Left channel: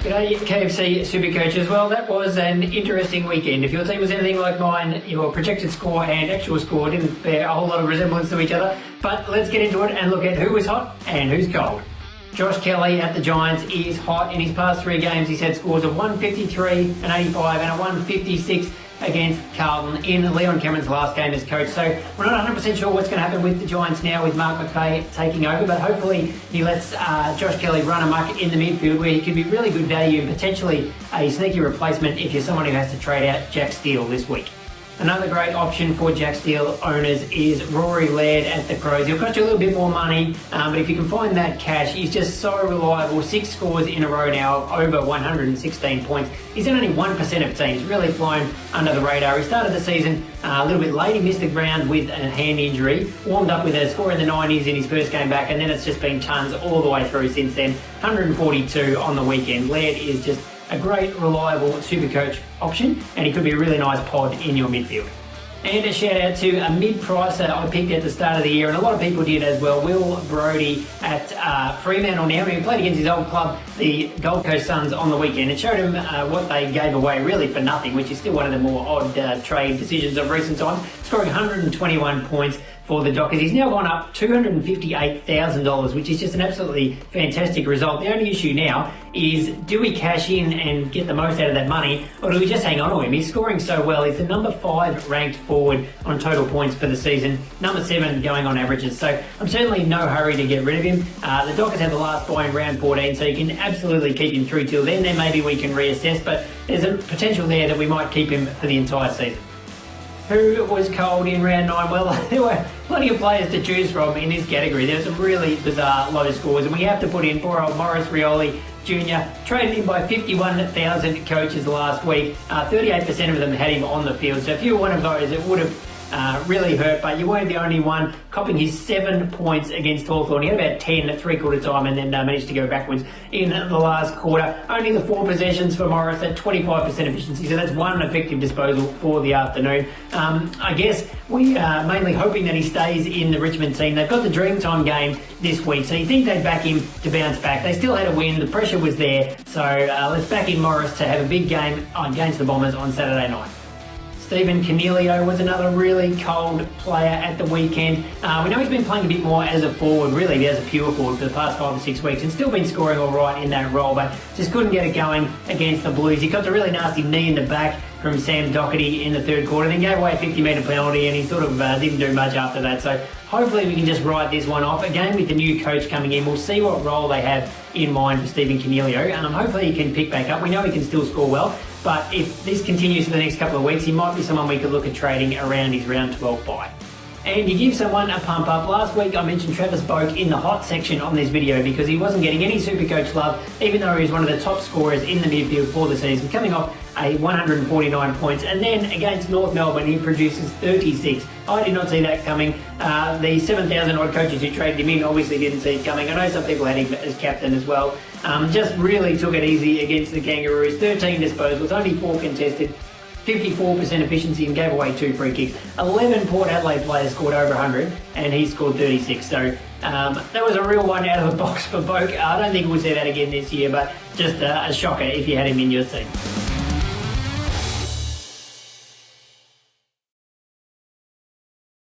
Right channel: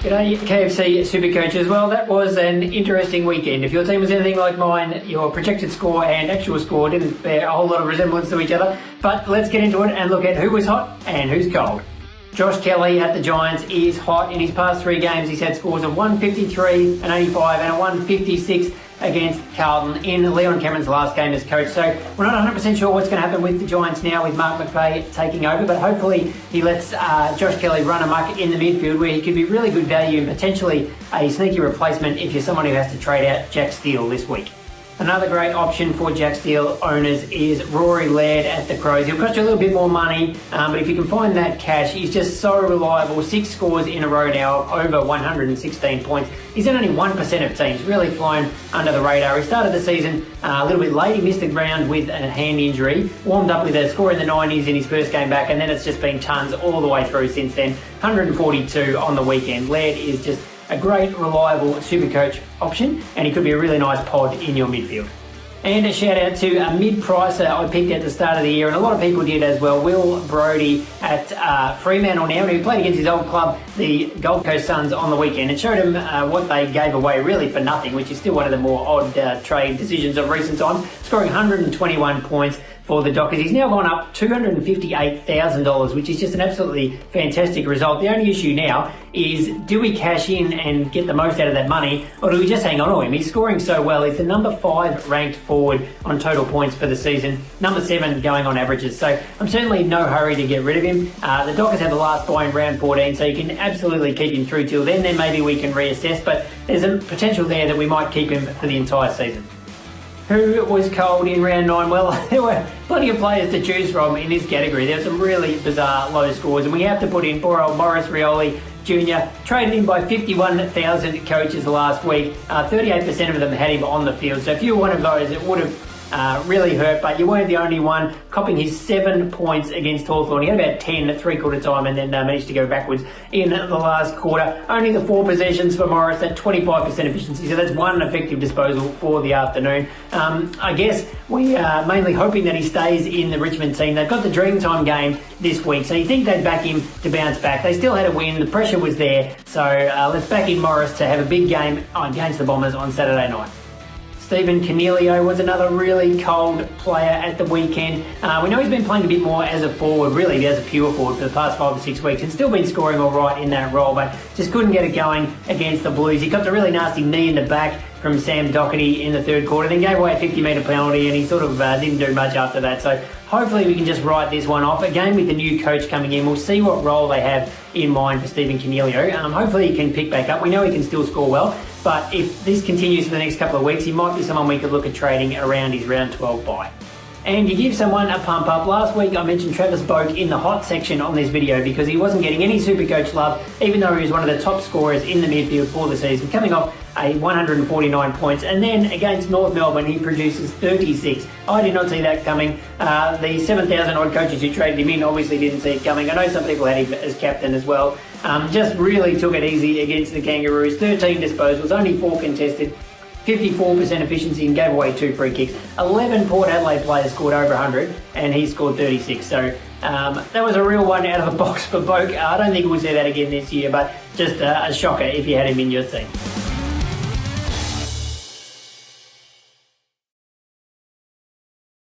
G'day KFC SuperCoach as well. That was an interesting weekend. If your team was anything like mine, your projected score and actual score didn't bear a whole lot of resemblance to each other. But let's get into it and look at who was hot and who's cold. Josh Kelly at the Giants is hot. In his past 3 games, he's had scores of 153, an 85 and a 156 against Carlton in Leon Cameron's last game as coach. So we're not 100% sure what's going to happen with the Giants now with Mark McVeigh taking over, but hopefully he lets Josh Kelly run amok in the midfield where he could be really good value and potentially a sneaky replacement if you're someone who has to trade out Jack Steele this week. Another great option for Jack Steele owners is Rory Laird at the Crows. He'll cost you a little bit more money, but if you can find that cash, he's just so reliable. 6 scores in a row now, over 116 points. He's in only 1% of teams, really flown under the radar. He started the season a little bit late. He missed the ground with a hand injury, warmed up with a score in the 90s in his first game back, and then it's just been tons all the way through since then. 142 on the weekend. Laird is just a great, reliable Supercoach option, and he could be a really nice pod in your midfield. And a shout out to a mid-pricer I picked at the start of the year, and a lot of people did as well, Will Brodie at Fremantle now. He played against his old club, the Gold Coast Suns, on the weekend, and showed him what they gave away really for nothing, which is still one of the more odd trade decisions of recent times, scoring 121 points for the Dockers. He's now gone up $258,000, which is just an absolutely fantastic result. The only issue now is, do we cash in and get the most out of that money, or do we just hang on to him? He's scoring so well. He's the number 5 ranked forward on total points for the season, number 7 going on averages. So I'm certainly in no hurry to get rid of him. The Dockers have the last bye in round 14, so you can absolutely keep him through till then. Then maybe we can reassess, but there's a potential there that we might keep him for the entire season. Who was cold in round 9? Well, there were plenty of players to choose from in this category. There were some really bizarre low scores, and we have to put in poor old Maurice Rioli Jr., traded in by 51,000 coaches last week. 38% of them had him on the field. So if you were one of those, it would have really hurt, but you weren't the only one, copping his 7 points against Hawthorn. He had about 10 at three-quarter time and then managed to go backwards in the last quarter. Only the 4 possessions for Morris at 25% efficiency, so that's 1 effective disposal for the afternoon. I guess we are mainly hoping that he stays in the Richmond team. They've got the Dreamtime game this week, so you think they'd back him to bounce back. They still had a win, the pressure was there, so let's back in Morris to have a big game against the Bombers on Saturday night. Stephen Cornelio was another really cold player at the weekend. We know he's been playing a bit more as a forward, really as a pure forward for the past 5 or 6 weeks, and still been scoring all right in that role, but just couldn't get it going against the Blues. He got the really nasty knee in the back from Sam Doherty in the third quarter, then gave away a 50-metre penalty, and he sort of didn't do much after that. So hopefully we can just write this one off. Again, with the new coach coming in, we'll see what role they have in mind for Stephen Cornelio. Hopefully he can pick back up. We know he can still score well, but if this continues for the next couple of weeks, he might be someone we could look at trading around his round 12 bye. And you give someone a pump up. Last week I mentioned Travis Boak in the hot section on this video because he wasn't getting any Supercoach love, even though he was one of the top scorers in the midfield for the season, coming off a 149 points. And then against North Melbourne, he produces 36. I did not see that coming. The 7,000 odd coaches who traded him in obviously didn't see it coming. I know some people had him as captain as well. Just really took it easy against the Kangaroos. 13 disposals, only 4 contested. 54% efficiency and gave away 2 free kicks. 11 Port Adelaide players scored over 100 and he scored 36. So that was a real one out of the box for Boak. I don't think we'll see that again this year, but just a shocker if you had him in your team.